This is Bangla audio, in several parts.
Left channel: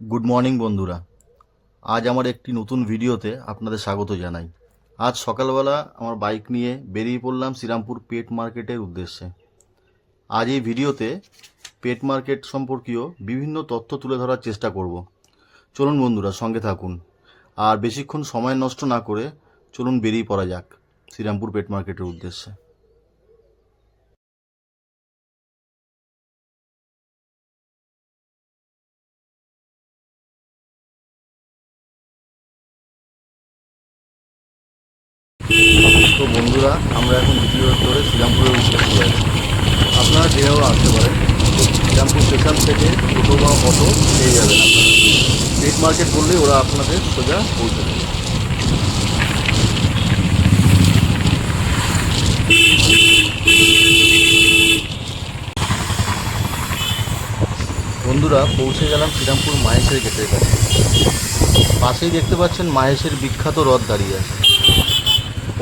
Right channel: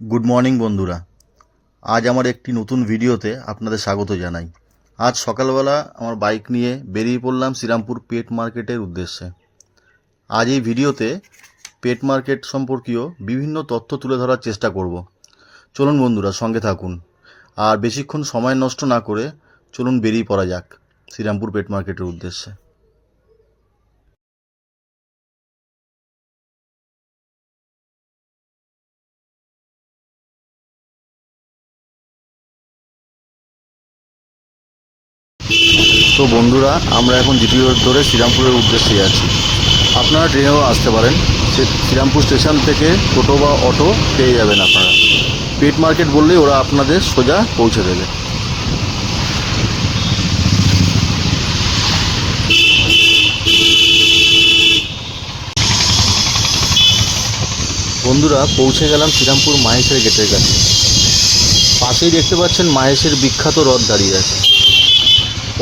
গুড মর্নিং বন্ধুরা। আজ আমার একটি নতুন ভিডিওতে আপনাদের স্বাগত জানাই। আজ সকালবেলা আমার বাইক নিয়ে বেরিয়ে পড়লাম শ্রীরামপুর পেট মার্কেটের উদ্দেশ্যে। আজ এই ভিডিওতে পেট মার্কেট সম্পর্কীয় বিভিন্ন তথ্য তুলে ধরার চেষ্টা করব। চলুন বন্ধুরা, সঙ্গে থাকুন। আর বেশিক্ষণ সময় নষ্ট না করে চলুন বেরিয়ে পড়া যাক শ্রীরামপুর পেট মার্কেটের উদ্দেশ্যে। তো বন্ধুরা, আমরা এখন জিপি রোড ধরে শ্রীরামপুরের উদ্দেশ্যে আছি। আপনারা ট্রেনেও আসতে পারেন। শ্রীরামপুর স্টেশন থেকে টোটো বা অটো পেয়ে যাবেন আপনারা। পেট মার্কেট বললেই ওরা আপনাদের সোজা পৌঁছে দেবে। বন্ধুরা, পৌঁছে গেলাম শ্রীরামপুর মাহেশের গেটের কাছে। পাশেই দেখতে পাচ্ছেন মাহেশের বিখ্যাত রথ দাঁড়িয়ে আছে।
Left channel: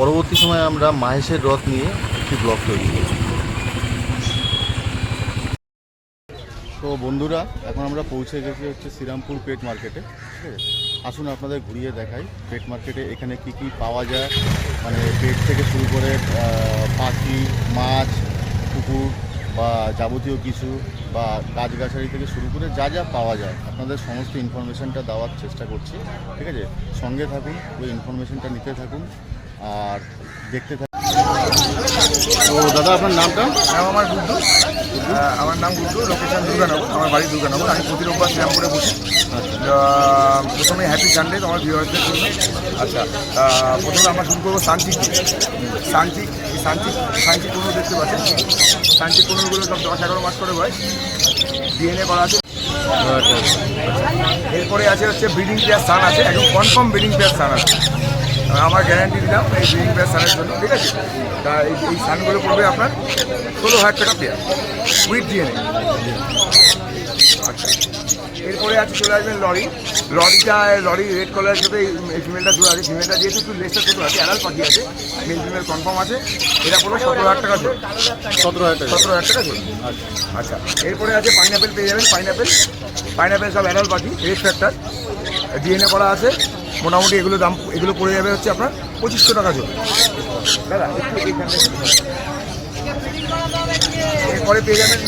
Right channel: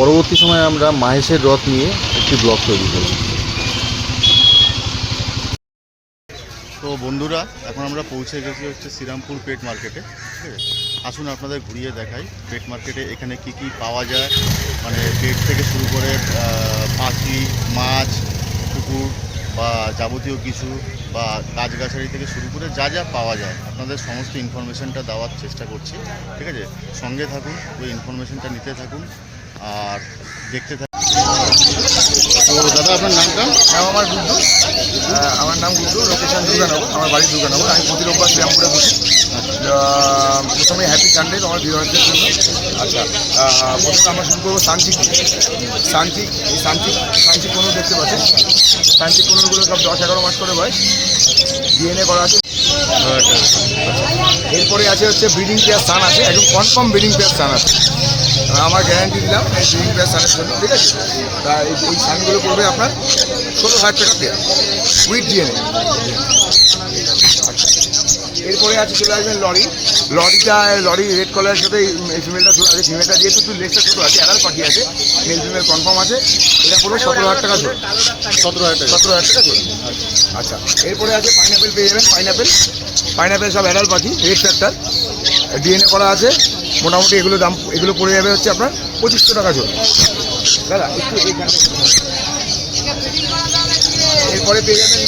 পরবর্তী সময়ে আমরা মাহেশের রথ নিয়ে একটি ব্লগ তৈরি করি। তো বন্ধুরা, এখন আমরা পৌঁছে গেছি শ্রীরামপুর পেট মার্কেটে। ঠিক আছে, আসুন আপনাদের ঘুরিয়ে দেখাই পেট মার্কেটে এখানে কি কি পাওয়া যায়। মানে পেট থেকে শুরু করে পাখি, মাছ, কুকুর বা যাবতীয় কিছু বা গাছগাছালি থেকে শুরু করে যা যা পাওয়া যায় আপনাদের সমস্ত ইনফরমেশানটা দেওয়ার চেষ্টা করছি। ঠিক আছে, সঙ্গে থাকুন, ওই ইনফরমেশানটা নিতে থাকুন আর দেখতে থাকুন। তো দাদা, আপনার নামটা? নাম আমার গুড্ডু। আমার নাম গুড্ডু, লোকেশন দুর্গানগর, আমার বাড়ি দুর্গানগর। আমি প্রতি রোববার শ্রীরামপুরে বসি। প্রথমে হ্যাপি সানডে আমার ভিউয়ারদের জন্য। আচ্ছা, প্রথমে আমরা শুরু করবো সানচিক দিয়ে। সানচিক, এই সানচিক কোনো দেখতে পাচ্ছেন। সানচিক কোনোগুলো সব 10-11 মাস করে হয়, ডিএনএ করা আছে। এরপরে আছে ব্রিডিং পেয়ার সান আছে, একদম কনফার্ম ব্রিডিং পেয়ার সান আছে। আমার গ্যারান্টি দিলাম এই ব্রিডিং পেয়ার সানের জন্য। ঠিক আছে, তা এই সানগুলো পড়বে আপনার 16,000 টাকা পেয়ার উইথ ডিএনএ। আচ্ছা, এরপরে আছে চলে আসবেন লরি রেড কালারের সাথে এই ফিমেলটা জোড়া আছে। ফিমেলটা যেহেতু একটু লেসটা ছোটো আছে, আড়াল পাখি আছে, মেল ফিমেল কনফার্ম আছে। এটা পড়বে 17,000 টাকা জোড়া। 17,000 টাকা জোড়া। আচ্ছা, এরপরে আছে পাইনাপেল পেয়ে যাবেন। পাইনাপেল সব অ্যাডাল পাখি, রেড ফ্যাক্টর, ডিএনএ করা আছে। মোটামুটি এগুলো পড়ে যাবে হচ্ছে আপনার 2,500 টাকা জোড়া। দাদা একটু এরপরে পেয়ে যাবেন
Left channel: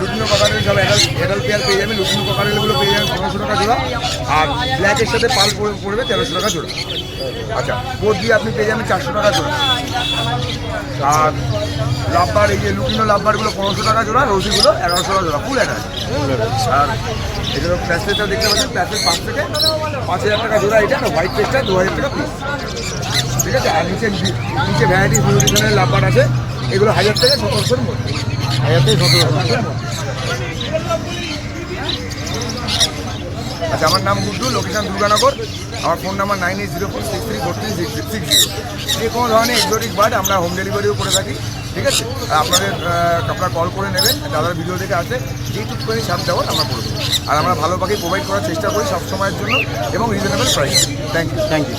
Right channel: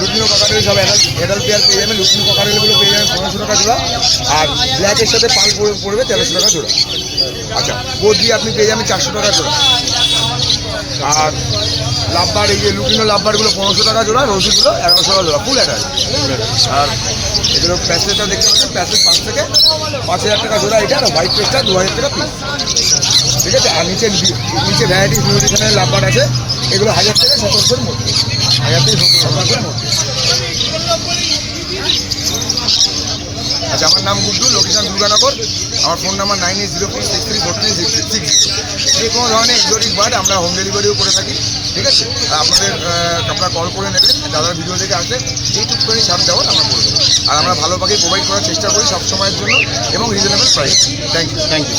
লুটিনো ককাটেল সব অ্যাডাল পেয়ার পেয়ে যাবেন। লুটিনো ককাটেলগুলো পেয়ে যাবেন 1500 টাকা জোড়া। আর ব্ল্যাকের সাথে পাল পড়বে 1300 টাকা জোড়া। আচ্ছা, গোদরি আপনি পেয়ে যাবেন 400 টাকা জোড়া। আর লাভবার, এই যে লুটিনো লাভবারগুলো 1500 টাকা জোড়া, রৌসিগুলো 1100 টাকা জোড়া, ফুল অ্যাডাল। আর এগুলো প্যাসেজটা দেখতে পাচ্ছেন, প্যাসেজ 5 থেকে 5,000 টাকা জোড়া এটা। আর হোয়াইট পেজটা 2,000 টাকা পিস। ঠিক আছে, আর নিচে ভ্যারাইটি ধরনের লাভবার আছে, এগুলো 1,000 থেকে 1,700-র মধ্যে। 1,000 থেকে 1,700-র মধ্যে। আচ্ছা, আমার নাম গুড্ডু, লোকেশন দুর্গানগর। আমার ফোন নাম্বার 9804634360। যে কোনো ধরনের এক্সোটিক বার্ড আমরা হোম ডেলিভারিও করে থাকি। ঠিক আছে, আর আপনারা কল করে নেবেন, দাদার ভিডিও দেখে আসে যেইটুকুখানি ছাড় দেওয়ার আমরা করে দেবো। আর আমরা ভালো পাখি প্রোভাইড করার চেষ্টা করি সব সময়ের জন্য এবং রিজনেবল প্রাইস। Thank you.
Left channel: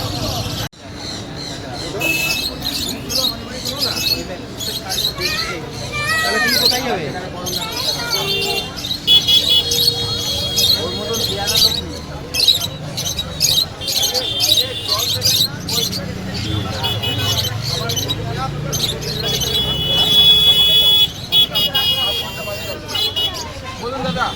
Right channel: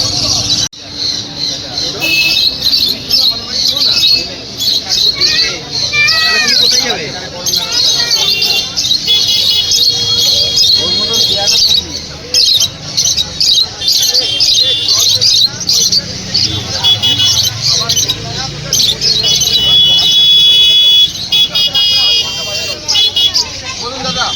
বলুন দাদা।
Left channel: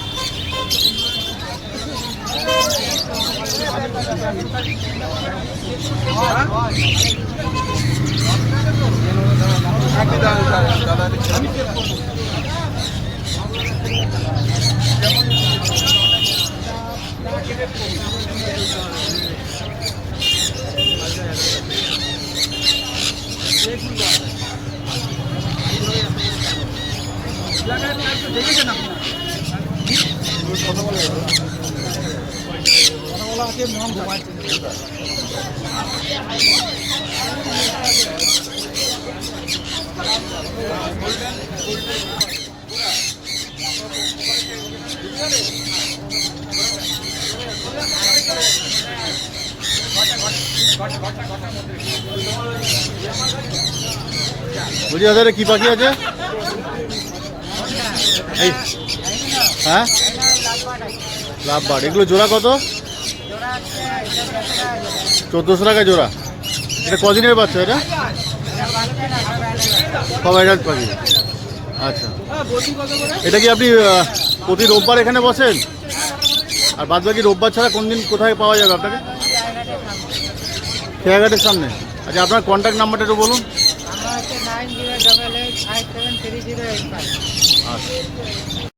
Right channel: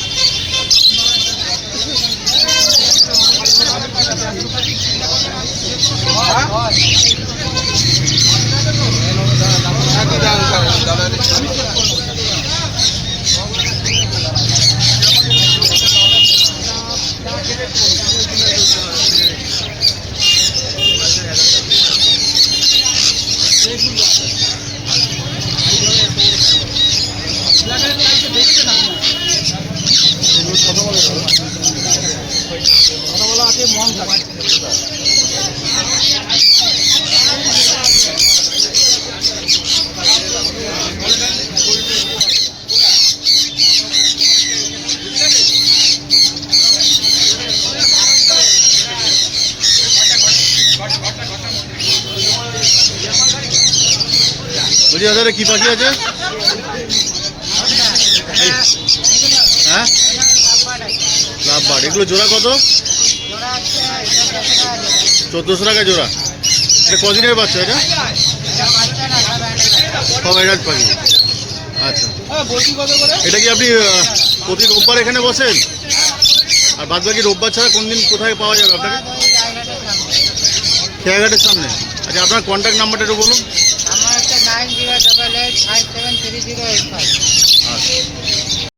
বলছি দাদা, কি পাখি আছে? হ্যাঁ, লাভ বার্ড, এগুলো জোড়া কত? জোড়া হচ্ছে 1400 টাকা জোড়া। এটা কদিনের বাচ্চা এটা? এটা বাচ্চা না, সব অ্যাডাল্ট। সব অ্যাডাল্ট পাখি। আচ্ছা, এটা কি আপনি প্রতি রোববার এখানে বসেন? আর বাদ বাকি রোববার ছাড়া কোন দিন কোথায় পাওয়া যাবে আপনাকে? এই জায়গাটার সামনে। খেয়াঘাটের সামনে। আচ্ছা, আপনার কন্ট্যাক্ট নাম্বারটা একটু বলুন। আমার হচ্ছে 9088573085। আচ্ছা।